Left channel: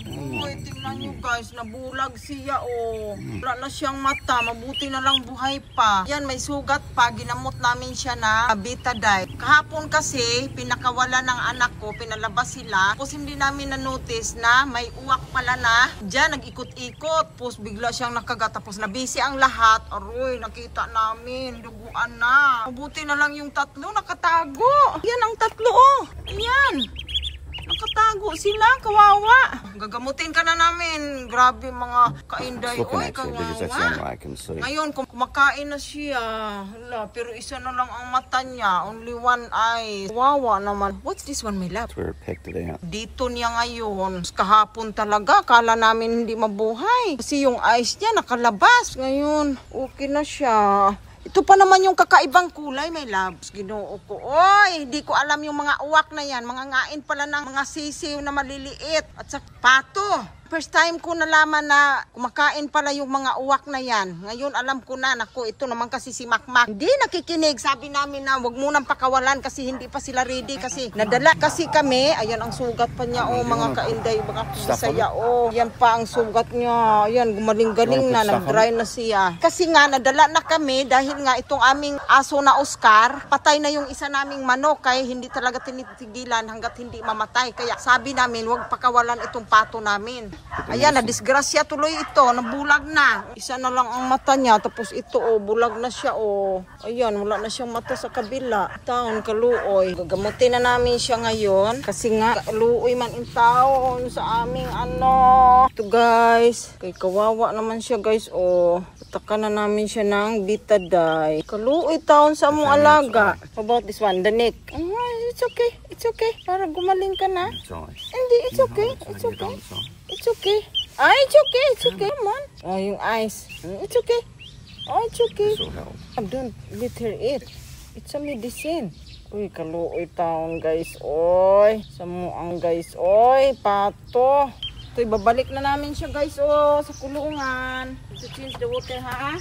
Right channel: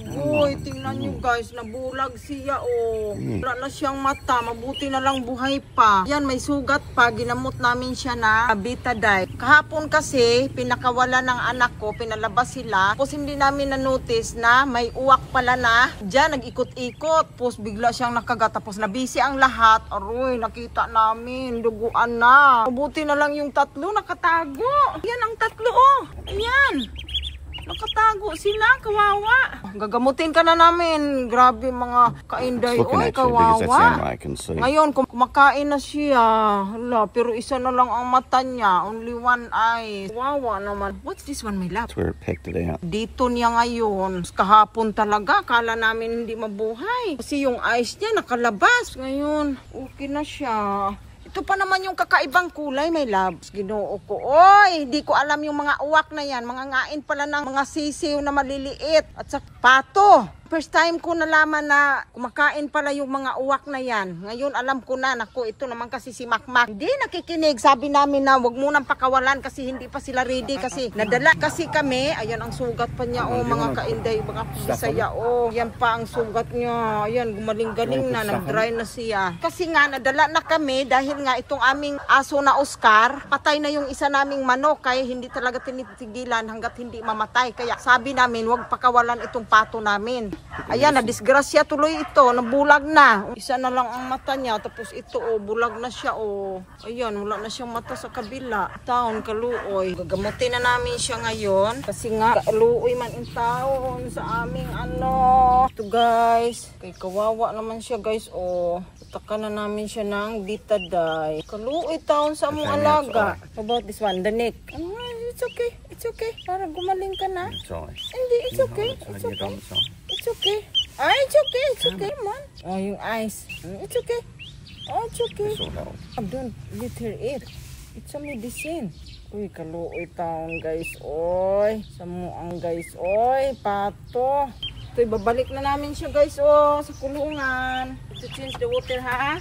Agoy, tingnan nyo guys, nabulag siya oh. Wala na siyang mata, mabuti na lang buhay pa. Yan, may sugat pa, ginamot namin siya na Betadine. Kahapon kasi, pinakawala ng anak ko, pinalabas sila. Tapos hindi namin na-notice na may uwak pala na. Diyan, nag-ikot-ikot. Tapos bigla siyang nakagat. Tapos nabisi ang lahat. Aroy, nakita namin, duguan na. Mabuti na lang yung tatlo, nakatago. Yan ang tatlo oh. Ayan. Nakatago sila, kawawa. Gagamutin ka na namin. Grabe mga kainday. Oy, kawawa. Ngayon, kumakain na siya. Hala, pero isa na lang ang mata niya. Only one eye. Kawawa naman. What's this one, my love? Dito niya ngayon. Kahapon talaga, kala namin hindi mabuhay. Kasi yung eyes niya nakalabas. Ngayon, okay na siya. Ito pa naman yung kakaibang kulay, my loves. Ginoo ko. Oy, hindi ko alam yung mga uwak na yan. Mga ngain pala ng mga sisiw na maliliit. At sa pato. First time ko nalaman na kumakain pala yung mga uwak na yan. Ngayon alam ko na, naku, ito naman kasi si Makmak. Hindi nakikinig. Sabi namin na wag munang pakawalan kasi hindi pa sila ready. Kasi nadala kasi kami. Ayan ang sugat pa niya. Oh, mga kainday, mga pisaya. Oh, yan pa ang sugat niya. Ayan, gumaling-galing na. Nag-dry na siya. Kasi nga, nadala na kami dahil nga itong aming aso na Oscar, patay na yung isa naming manok. Kaya hindi talaga tinitigilan hanggat hindi mamatay. Kaya sabi namin, wag pakawalan itong pato namin. Ayan, na-disgrasya tuloy ito, nabulag na. Isa na lang ang mata niya, tapos ito, oh, bulag na siya, oh. Ayan, wala na siyang mata sa kabila. Taon, kaluoy. Gagamutin na namin siya ngayon, kasi nga, kaluoy man in taon sa aming ano. Ito guys, kay kawawa naman siya guys, oh. Taka na namin siya ng Betadine. Kaluoy taon sa among alaga. How about this one, the neck? It's okay, it's okay. Para gumaling ka na. Hindi, it's okay, it's okay. It's okay. Ah, it's okay, it's okay. Come on. Oh, yung eyes. It's okay. Oh, it's okay. Don't let her eat. It's a medicine. Uy, kaluoy taon guys. Oy, samuang guys. Oy, pato. Ito, babalik na namin siya guys. Oh, sa kulungan. To change the water ha.